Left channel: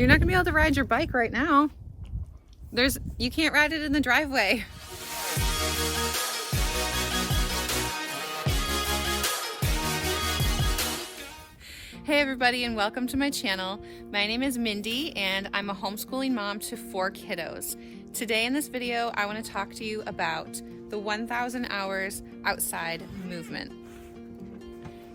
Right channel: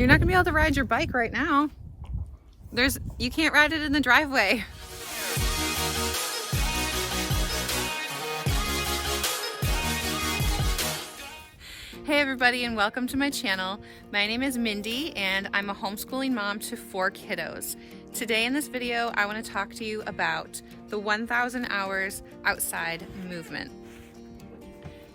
You're not gonna be able to ride your bike right now. You can't ride it in the driveway. Hey everybody, and welcome to my channel. My name is Mindy and I'm a homeschooling mom to 4 kiddos. Today in this video, I want to talk to you about the 1,000 hours outside movement.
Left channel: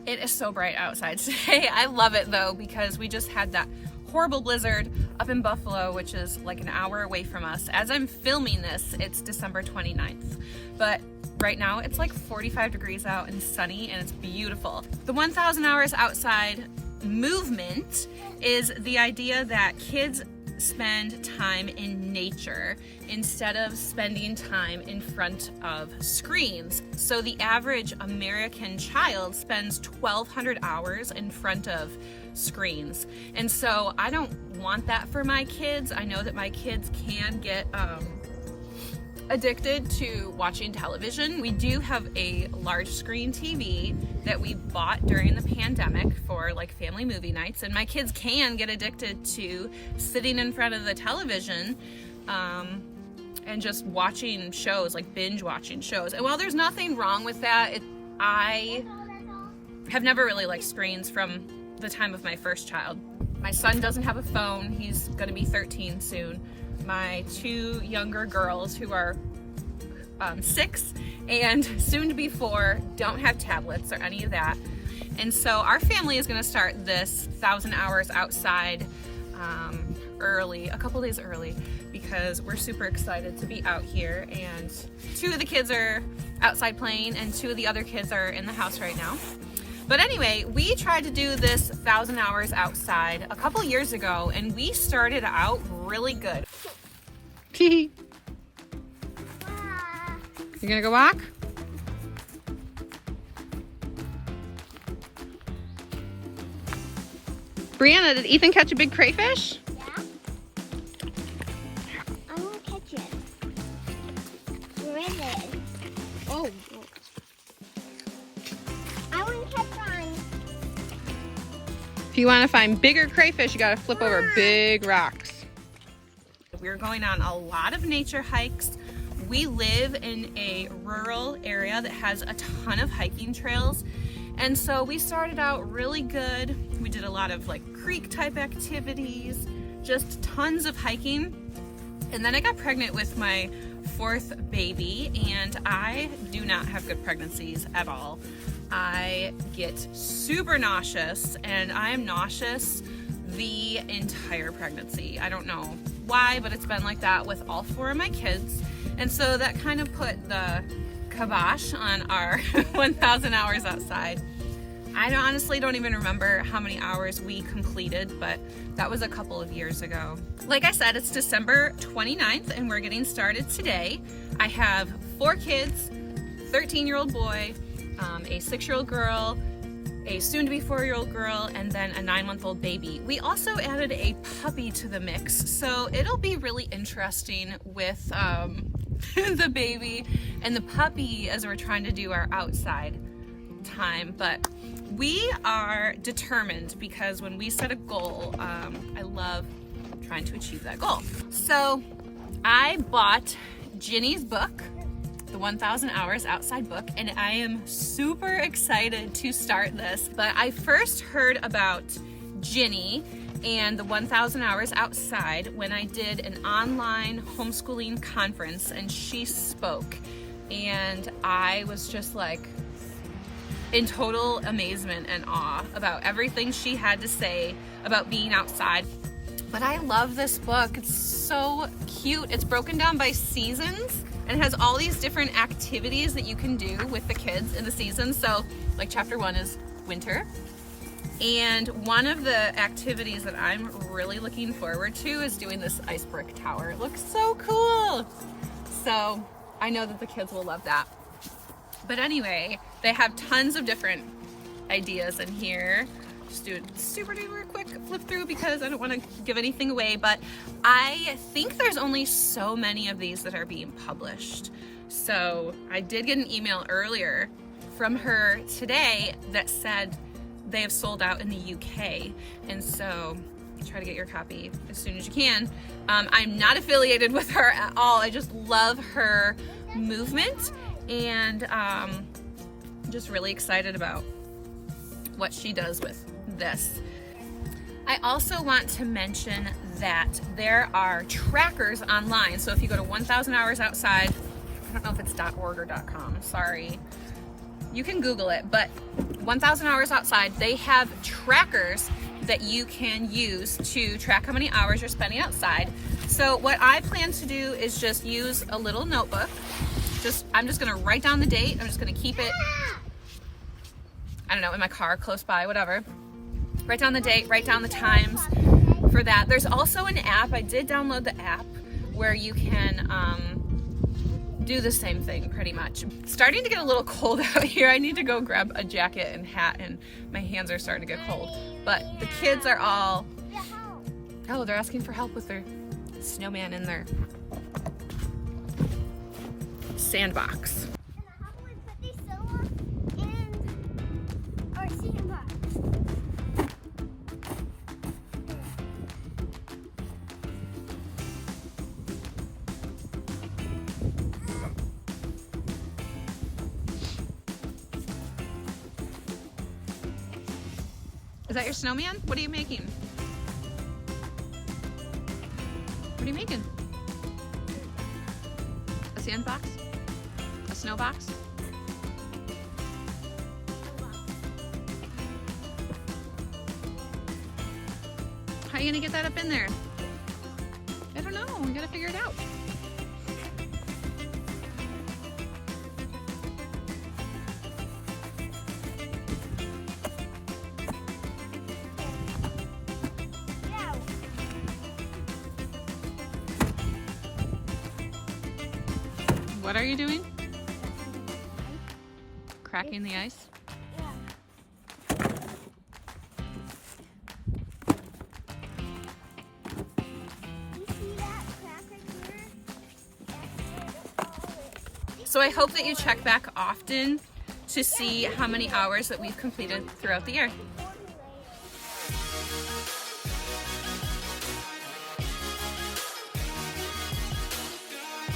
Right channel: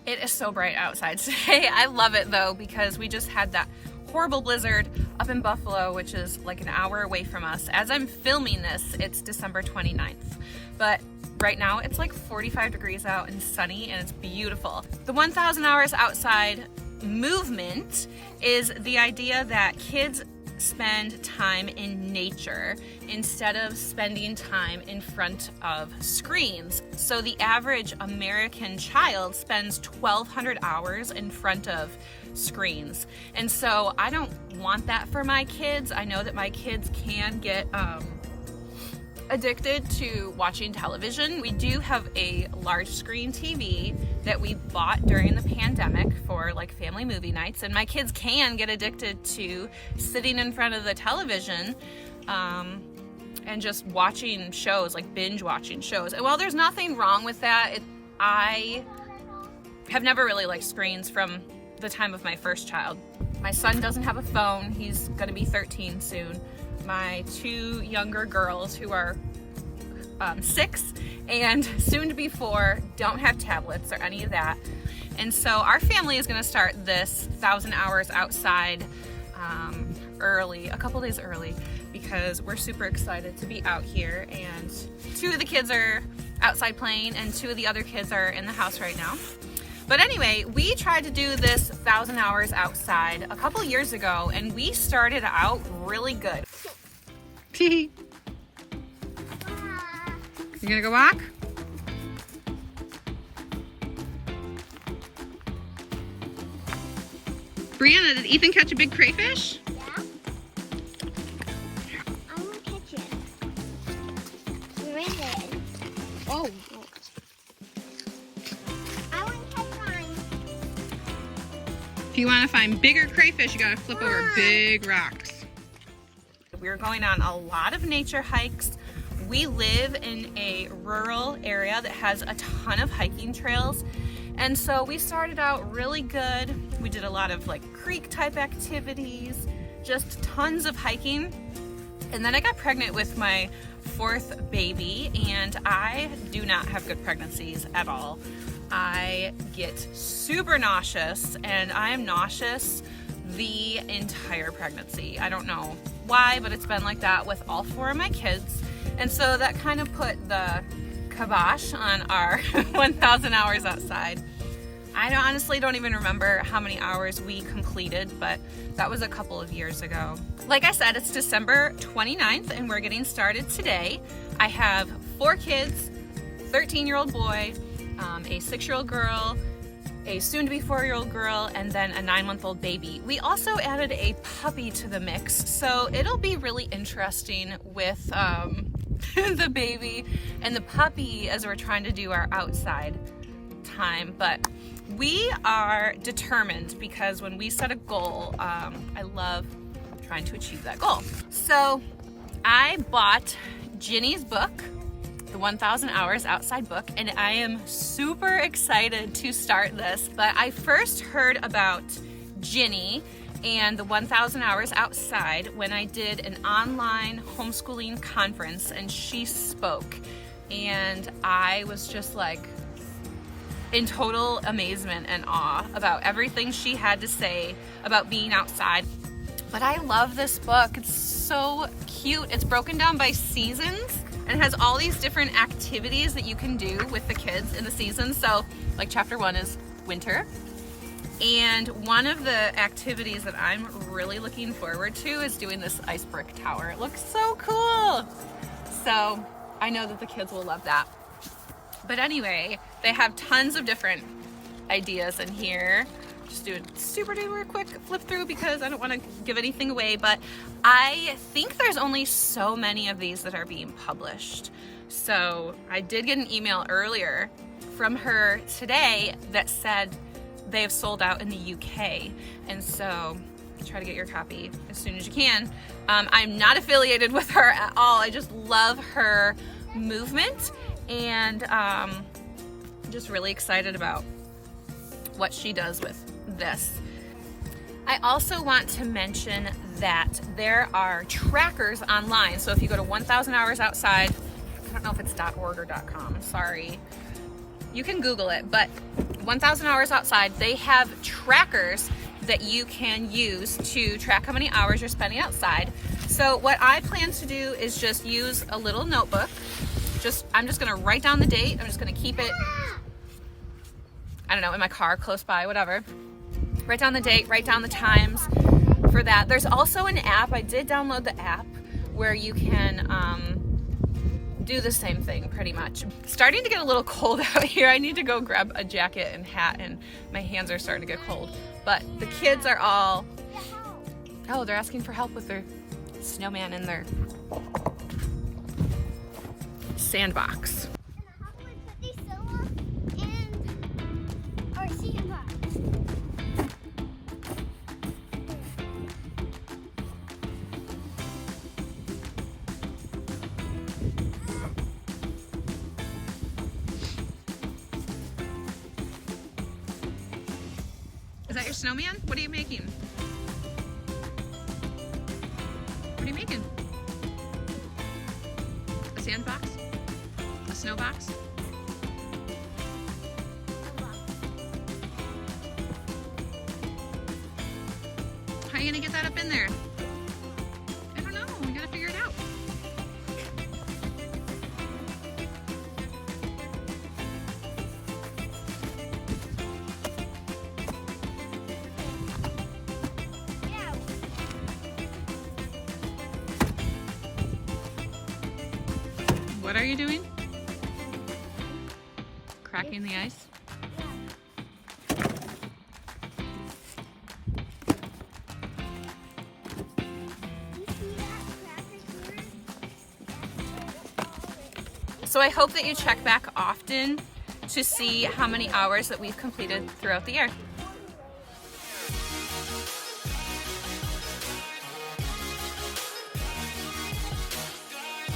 It is so bright outside today. I love it though, because we just had that horrible blizzard up in Buffalo, which is like an hour away from us. As I'm filming this, it's December 29th. But right now it's like 45 degrees out and sunny and it's beautiful. The 1,000 hours outside movement is the idea that kids spend time in nature instead of spending time in front of screens. So the average American child spends 1,200 hours in front of screens. And so I don't want that for my kids. I know that my kids can get addicted to watching television. We do have a large screen TV that we bought during the pandemic for like family movie nights, and my kids can get addicted to sitting in front of the television and just watching shows, like binge watching shows. And while there's nothing wrong with that, I have never really liked screens from the time of my first child. My son doesn't have a phone. He's gonna be 13 soon. My 2 younger girls, who are 6 and soon to be 4, don't have tablets or any of that. And so our family is gonna start this 1,000 hours outside early, a couple days early, because we're super excited to be out here. And 2 of the kids are outside playing and 2 of the other kids are in the house right now. But anyway, we tried to do this 1,000 hours outside a couple years ago, and we started out really good. You gonna go walk? Brianna, did Ethan catch a big crayfish? Yeah. I want to catch it. Where is it? Oh. I want to catch one. If you want to find bigger crayfish, you gotta flip over big rocks. We're going on a lot of nature hikes. We live in a rural area that has a ton of hiking trails. And so we started out really good. We did a lot of like creek type activities, just tons of hiking. And then I got pregnant with my 4th baby, and I do not have good pregnancies at all. I get super nauseous, and I am nauseous the entire pregnancy. I don't know why, but it's been like that with all 4 of my kids. And so that kind of put the kibosh on our 1,000 hours outside. I honestly don't even remember how many hours we completed, but that was a couple of years ago. Like I said, it's December 29th and we're getting started today. I have 4 kids, 13-year-old boy, a 6-year-old girl, a soon-to-be 4-year-old girl, and then a 9-month-old baby. We also added a puppy to the mix, so it'll be really interesting with the baby and the puppy as we're trying to do our outside time. But we are determined, because when we set a goal, I love trying to achieve that goal. So I bought Ginny's book, the 1,000 Hours Outside book, and I am super excited to start this. But I first heard about Ginny and the 1,000 Hours Outside when I did an online homeschooling conference, and she spoke. And I was just like in total amazement and awe about everything she had to say about being outside. But I love this book. It's so cute. It's broken down by seasons and has all these different activities that you can do with the kids in the season. So like chapter 1 is winter. And one of the activities that I'm really looking forward to is doing this ice brick tower. It looks so cool. So I know that the kids will love that. But anyway, they have tons of different ideas in here. Just do a super duper quick flip through because I don't want to give anything away, but I think there's only so many of these that are being published. So I did get an email earlier from her today that said they have sold out in the UK. And so try to get your copy as soon as you can. I'm not affiliated with her at all. I just love her movement, and just really excited about what she does with this. I also want to mention that there are trackers online. So if you go to 1,000 Hours Outside, I don't know if it's .org or .com, sorry. You can Google it, but 1,000 Hours Outside, they have trackers that you can use to track how many hours you're spending outside. So what I plan to do is just use a little notebook. I'm just gonna write down the date. I'm just gonna keep it, I don't know, in my car, close by, whatever. Write down the date, write down the times for that. There's also an app, I did download the app, where you can do the same thing pretty much. Starting to get a little cold out here. I need to go grab a jacket and hat, and my hands are starting to get cold. But the kids are all, oh, they're asking for help with their snowman in their sandbox. And how can we put these solar in our sandbox? Is that your snowman? What are you making? What are you making? A sandbox? A snow box? How are you gonna get that up in there? I don't know, you gotta figure it out. What are you doing? Cracking the ice? So I hope that you check back often to see how many hours that we've completed throughout the year.